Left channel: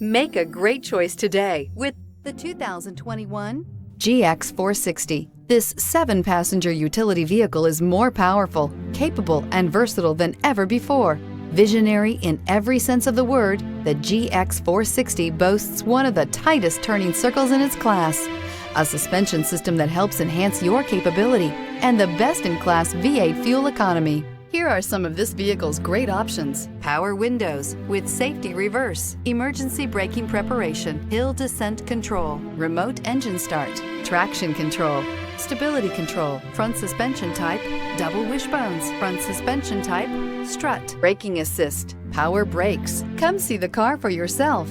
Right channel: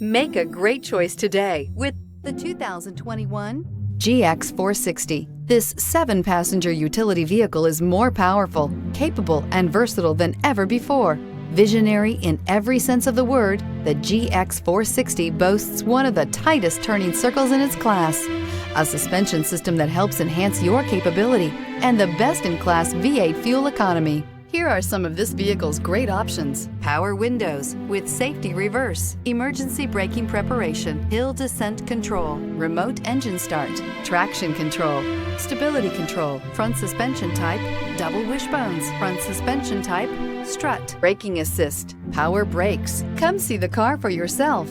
Make a great choice today with the 2021 GX 460. This 7-passenger utility vehicle is more powerful, capable, and versatile than ever before. Visionary in every sense of the word, the GX 460 boasts one of the tightest turning circles in its class, a suspension system that helps enhance your capability, and the best-in-class V8 fuel economy. Here are some of this vehicle's great options: power windows with safety reverse, emergency braking preparation, hill descent control, remote engine start, traction control, stability control, front suspension type, double wishbones, front suspension type, strut, braking assist, power brakes. Come see the car for yourself.